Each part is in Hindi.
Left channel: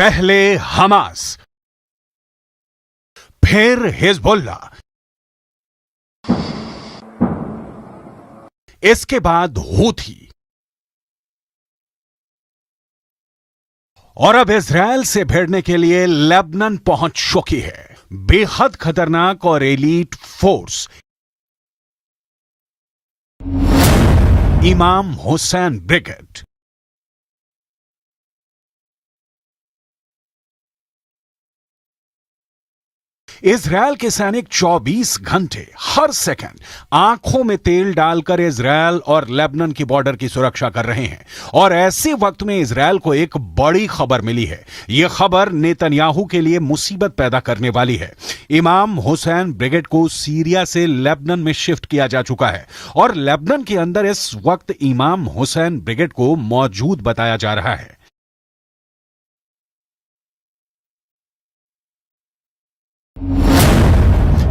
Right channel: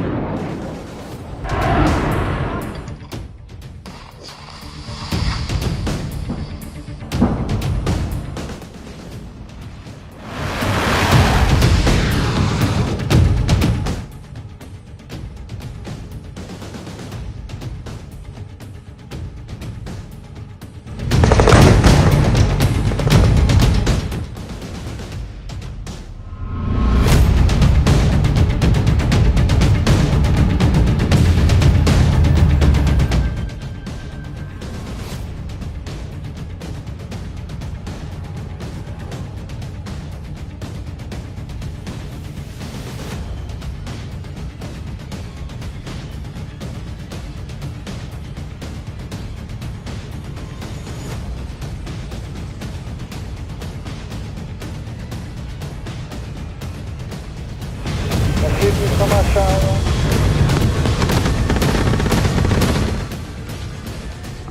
पहले हमास, फिर हिजबुल्लाह, इसके बाद हूथी और अब इजरायल से भिड़ने के लिए लेबनान पहुंच चुकी है बेहद खतरनाक और एलीट फोर्स इमाम हुसैन ब्रिगेड। इजरायल के सैनिक 24 घंटे हर सेकंड आंखों में तेल डालकर इजरायल और लेबनान की बॉर्डर की सुरक्षा कर रहे हैं। और ऐसे वक्त में इजरायल को एक बड़ी खबर मिली है। यह खबर नेतन्याहू के लिए मुसीबत पैदा करने वाली है। इमाम हुसैन ब्रिगेड को सीरिया से लेबनान में शिफ्ट किया जा चुका है और लेबनान के अंदर इस वक्त इमाम हुसैन ब्रिगेड को मौजूद बताया जा रहा है।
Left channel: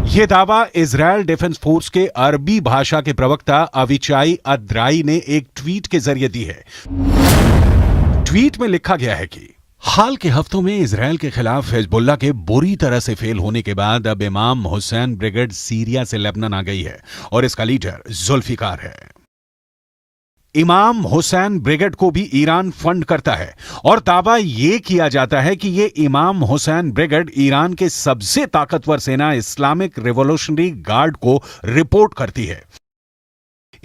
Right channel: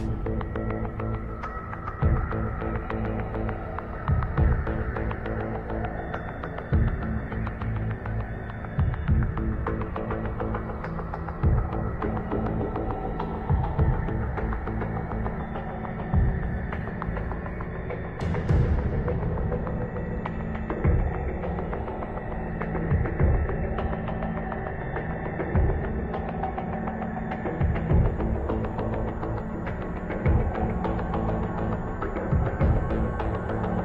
यह दावा इजरायल डिफेंस फोर्स के अरबी भाषा के प्रवक्ता अविचाई अद्राई ने एक ट्वीट के जरिए दी है। ट्वीट में लिखा गया है कि हाल के हफ्तों में इजरायल के खिलाफ हिजबुल्लाह के बुरी तरह से फेल होने के बाद अब इमाम हुसैन ब्रिगेड सीरिया से लेबनान आ गई है और इसका लीडर जुल्फिकार है। इमाम हुसैन ब्रिगेड को भी ईरान फंड करता है और दावा यह किया जाता है कि यह इमाम हुसैन ब्रिगेड ईरान के सबसे ताकतवर सेना इस्लामिक रिवॉल्यूशनरी गार्ड को रिपोर्ट करती है।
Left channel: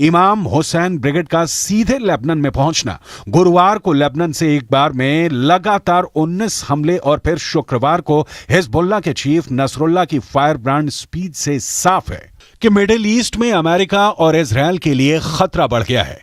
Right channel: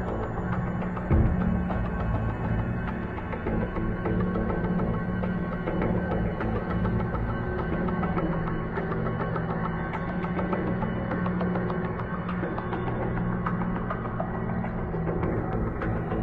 इमाम हुसैन ब्रिगेड का सीधे लेबनान में पहुंचना गुरुवार को लेबनान से एक बार में लगातार 19 हमले और फिर शुक्रवार को हिजबुल्लाह के चीफ नसरुल्लाह की फायर ब्रांड स्पीच से साफ है कि मिडिल ईस्ट में अमेरिका और इजरायल के लिए खतरा बढ़ गया है।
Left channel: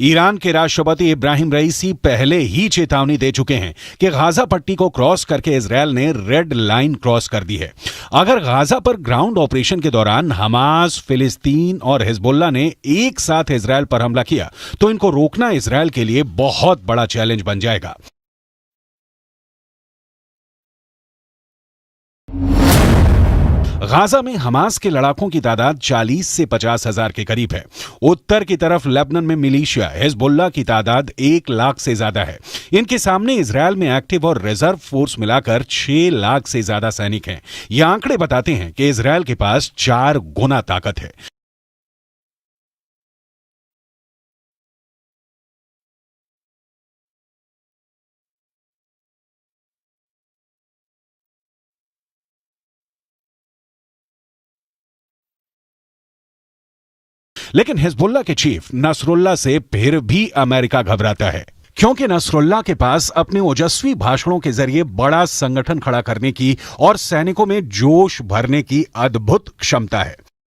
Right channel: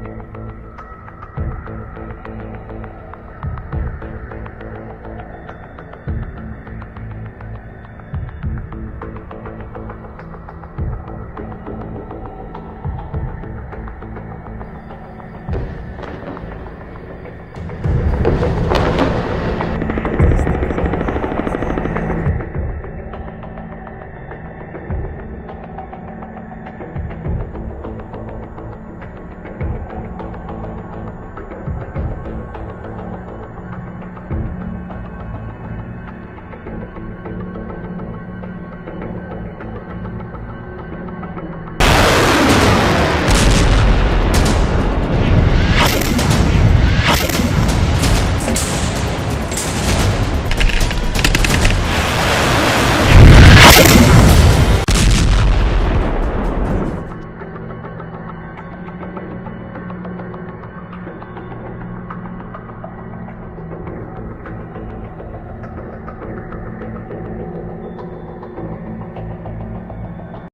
ईरान के राष्ट्रपति इब्राहिम रईसी पहले ही चेतावनी दे चुके हैं कि गाजा पट्टी को क्रॉस करके इजरायल ने रेड लाइन क्रॉस कर दी है। अगर गाजा पर ग्राउंड ऑपरेशन के दौरान हमास, फिलिस्तीन और हिजबुल्लाह ने एक साथ इजरायल पर हमला किया तो इनको रोकना इजरायल के लिए बहुत बड़ा चैलेंज बन जाएगा। गाजा में हमास के लड़ाकों की तादाद 40 से 50 हजार के करीब है। उत्तर की तरफ लेबनान में मिलिशिया हिजबुल्लाह की तादाद 1 लाख से ज्यादा है। इनके सामने इजरायल में एक्टिव और रिजर्व फोर्स मिलाकर 6 लाख से ज्यादा सैनिक हैं। ये आंकड़े बताते हैं कि इजरायल के पास 4 गुना ताकत है। लेकिन हिजबुल्लाह के चीफ नसरुल्लाह से फिर भी अमेरिका घबराता है, क्योंकि नसरुल्लाह के पास अपने ओजस्वी भाषणों के जरिए बड़ा संगठन खड़ा करने की और सैनिकों में जोश भरने की अद्भुत क्षमता है।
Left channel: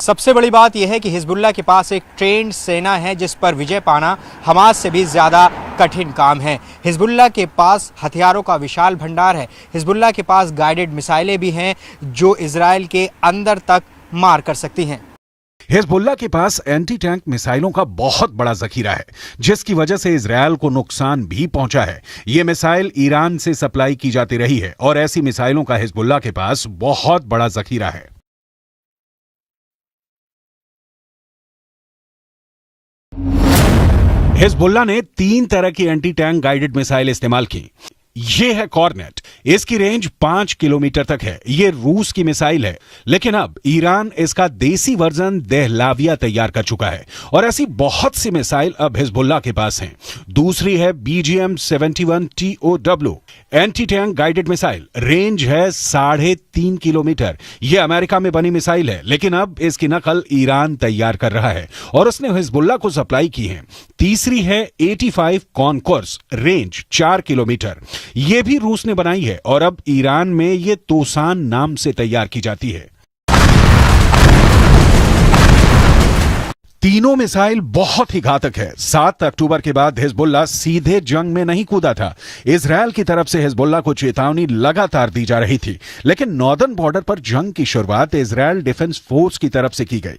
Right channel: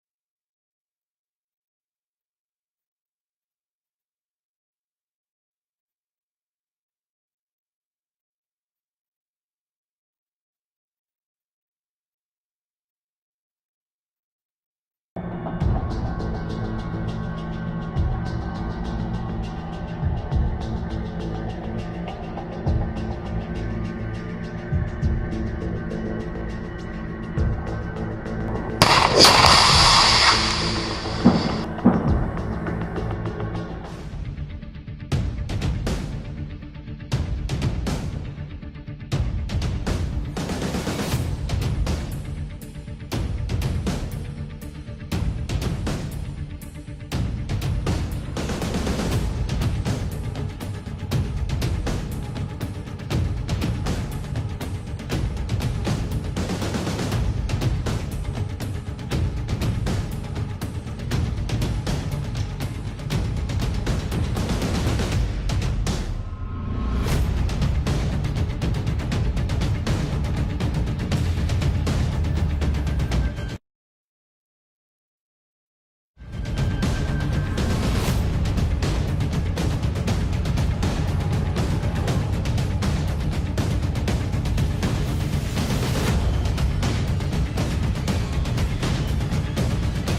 सबसे बड़ी बात यह है कि हिजबुल्लाह के पास एक ट्रेंड सेना है जिस पर विजय पाना हमास से भी ज़्यादा कठिन काम है। हिजबुल्लाह के पास हथियारों का विशाल भंडार है। हिजबुल्लाह के पास गाइडेड मिसाइलें भी हैं जो इजरायल के अंदर तक मार कर सकती हैं। हिजबुल्लाह के पास एंटी टैंक मिसाइलों का बहुत बड़ा जखीरा है, जिसकी वजह से इजरायल को नुकसान भी पहुंचा है। ये मिसाइल ईरान से सप्लाई की जाती रही है और ऐसी मिसाइलों का हिजबुल्लाह के पास बहुत बड़ा जखीरा है। हिजबुल्लाह ने 3 तरह की एंटी टैंक गाइडेड मिसाइल इस्तेमाल की। ये है कॉर्नेट, इसकी रेंज 5 किलोमीटर तक है। ये रूस की मिसाइल है, लेकिन अब ईरान इसका देसी वर्जन दहलाविया तैयार कर चुका है और ऐसी बहुत सी मिसाइल अब हिजबुल्लाह के पास हैं। दूसरी है BGM-71 TOW anti tank guided missile. Range है 3.5 किलोमीटर। यह अमेरिका में बनी मिसाइल है, लेकिन अब इसकी नकल ईरान तैयार कर रहा है और उसने हिजबुल्लाह को सप्लाई की है। तीसरी है 85 कॉनकोर्स, रेंज 4 किलोमीटर। यह भी रूस ने बनाई है और अब ईरान में ये दोसान नाम से तैयार की जाती है। तीनों मिसाइल बहुत ही घातक है। 7 अक्टूबर के बाद हिजबुल्लाह सीधे जंग में नहीं कूदा था। इजरायल की तरफ से हिजबुल्लाह को चेतावनी लगातार दी जा रही थी, लेकिन नॉर्दर्न बॉर्डर पर जंग की शुरुआत इजरायल डिफेंस फोर्स की तरफ से की गई,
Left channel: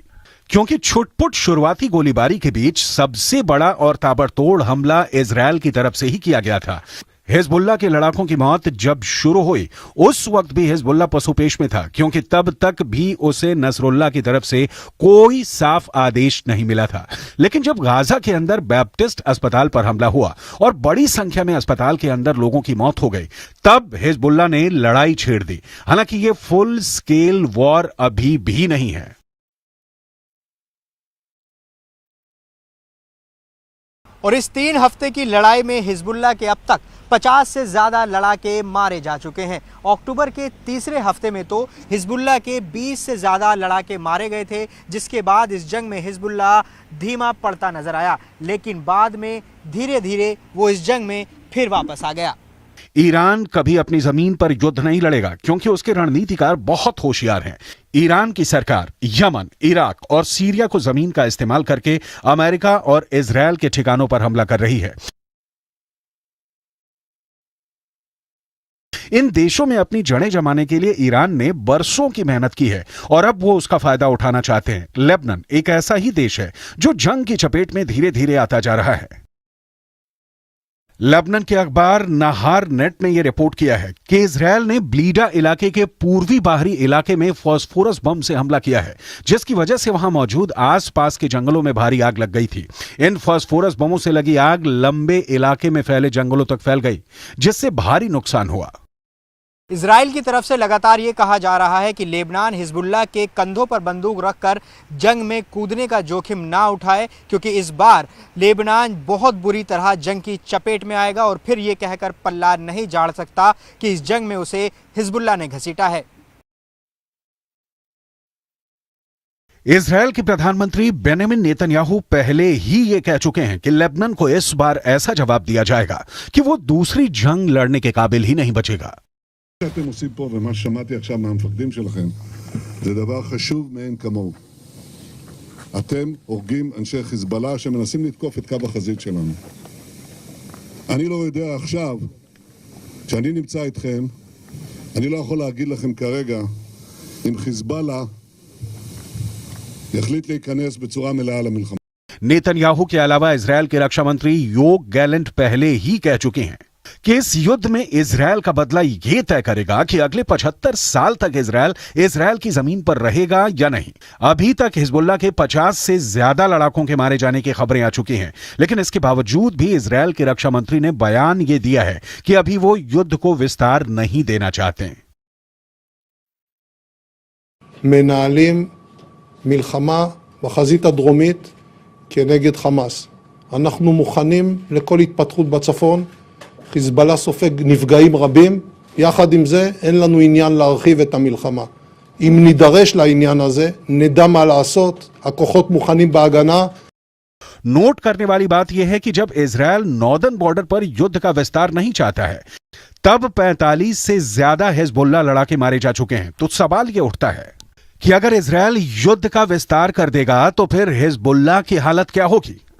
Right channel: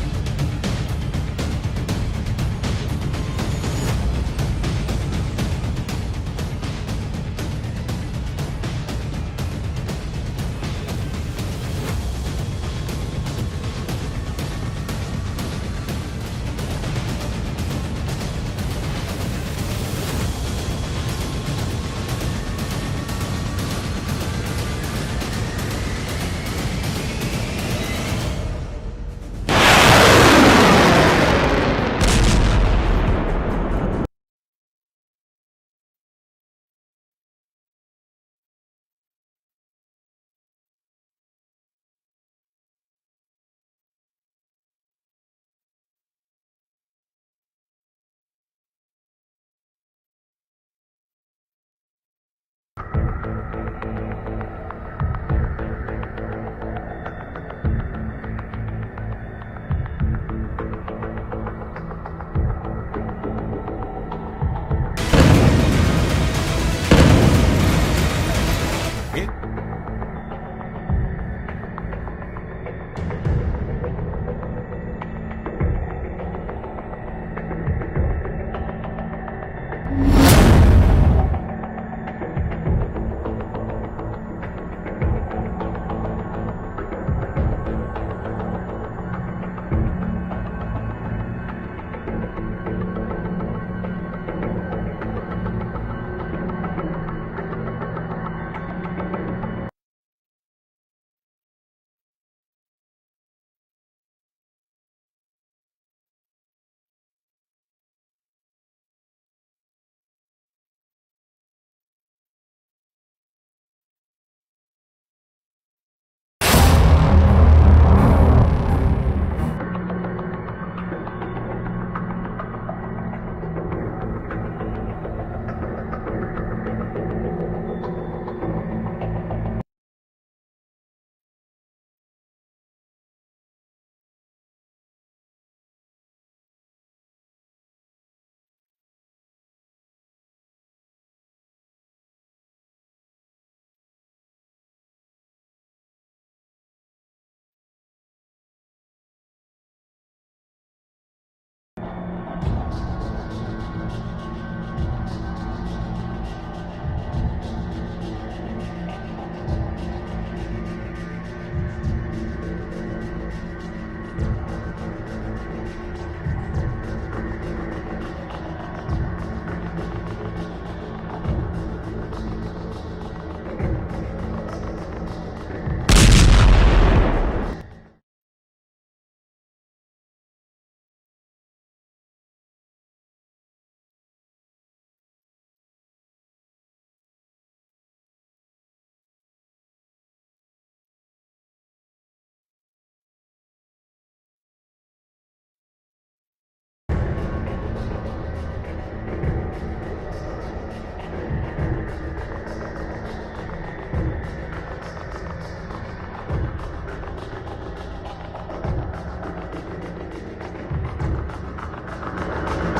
क्योंकि छुटपुट शुरुआती गोलीबारी के बीच सबसे बड़ा और ताबड़तोड़ हमला इजरायल की तरफ से ही किया गया था। हिजबुल्लाह के लड़ाकों की मौत जब शुरू हुई, उस वक्त भी हिजबुल्लाह पसुपेश में था, क्योंकि तब तक भी उसे नसरुल्लाह की तरफ से कोई साफ आदेश नहीं मिला था। लेकिन जब गाजा के अंदर बैप्टिस्ट अस्पताल पर हमला हुआ और बड़ी संख्या में अस्पताल के अंदर लोगों की मौत हो गई, तब हिजबुल्लाह ने लड़ाई छेड़ दी। हालांकि ये फुल स्केल वॉर अभी भी नहीं है। और इस 3 हफ्ते की लड़ाई में हिजबुल्लाह के अब तक 50 से ज्यादा लड़ाके मारे जा चुके हैं। अक्टूबर के तीसरे हफ्ते में तो हिजबुल्लाह के 20 से ज्यादा लड़ाके मारे गए थे, जिसके बाद इस जंग में हिजबुल्लाह धीमा पड़ता नजर आया, लेकिन बाद में धीरे धीरे वो इस जंग में फिर वापस आ गया। ईरान कभी अपनी जमीन पर युद्ध नहीं लड़ेगा, क्योंकि उसके रणनीतिकार बहुत होशियार हैं। ईरान की सरकार यमन, इराक और सीरिया को जमीन का इस्तेमाल करके अमेरिका और इजरायल के ठिकानों पर हमला कर रही है। इन देशों में अपनी जड़ें जमाने के लिए ईरान ने बरसों की मेहनत की है और अब वो उसका फायदा उठाना चाहते हैं। लेबनान एक ऐसा ही देश है जो जंग की चपेट में धीरे धीरे आता जा रहा है। लेबनान के अखबार नहार नेट ने यह रिपोर्ट किया है कि इजरायल ने ब्लीडा इलाके के पूर्वी बाहरी इलाके में फास्फोरस बम से हमला किया है, जिसकी वजह से वहां मौजूद आसपास के जंगलों में भारी आग लग गई थी। इन फास्फोरस बमों से लगी आग लंबे इलाके में फैले जंगलों तक फैल गई, जिससे भारी नुकसान हुआ। इजराइल की तरफ से लगातार ये कहा जा रहा है कि लेबनान हिजबुल्लाह के कंधों पर बंदूक रखकर जंग में कूदने का जोखिम ना उठाए, क्योंकि इस बार लेबनान बहुत बुरी तरह जंग की चपेट में आएगा और फिर ये कहकर पल्ला नहीं झाड़ सकता कि इस जंग में उसे हिजबुल्लाह ने घसीटा है। इजरायल के प्रधानमंत्री बेंजामिन नेतन्याहू पहले ही ये कह चुके हैं कि लेबनान को इस बार ऐसा जवाब दिया जाएगा कि वो दूसरी जंग लड़ने के काबिल ही नहीं बचेगा। שאתם עושים פה ומה ששמעתי עכשיו מהמפקדים שלכם זה דבר חשוב מאין כמוהו. אתם הורגים אנשי חיזבאללה שמנסים לתקוף את קו החזית שלנו. אני לא יודע עכשיו, כשאני נמצא איתכם, אני לא יכול להגיד לכם כרגע אם חיזבאללה יחליט להיכנס בצורה מלאה למלחמה. नेतन्याहू के अलावा इजरायल के रक्षा मंत्री योव गैलेंट पहले ही कह चुके हैं कि इस युद्ध में इजरायल का बदला ये तय करेगा कि अगले 75 साल तक इजरायल की जमीन पर रहेगा या नहीं। अभी तक हिजबुल्लाह के 50 से ज्यादा लड़ाकों के मारे जाने की खबरें आ चुकी हैं, लेकिन इसके बावजूद भी इजरायल के रक्षा मंत्री ने बयान ये दिया है कि अभी वो युद्ध को विस्तार नहीं देना चाहते। מנהלים מלחמה בחזית הדרומית כנגד חמאס. אנחנו מוכנים לכל התפתחות בצפון. חיזבאללה סופג נפגעים רבים. יחד עם זה אין לנו עניין להרחיב את המלחמה. אם נידרש לעניין הזה, נדע מה לעשות. הכוחות מוכנים בהגנה. नोट करने वाली बात यह है कि जब इजरायल नॉर्दर्न बॉर्डर पर युद्ध का विस्तार नहीं चाहता है, तब 45 से ज्यादा हिजबुल्लाह लड़ाके मारे जा चुके हैं। तो सवाल यह उठता है कि अगर इजरायल युद्ध का विस्तार कर देगा तो फिर हिजबुल्लाह की हालत क्या होगी।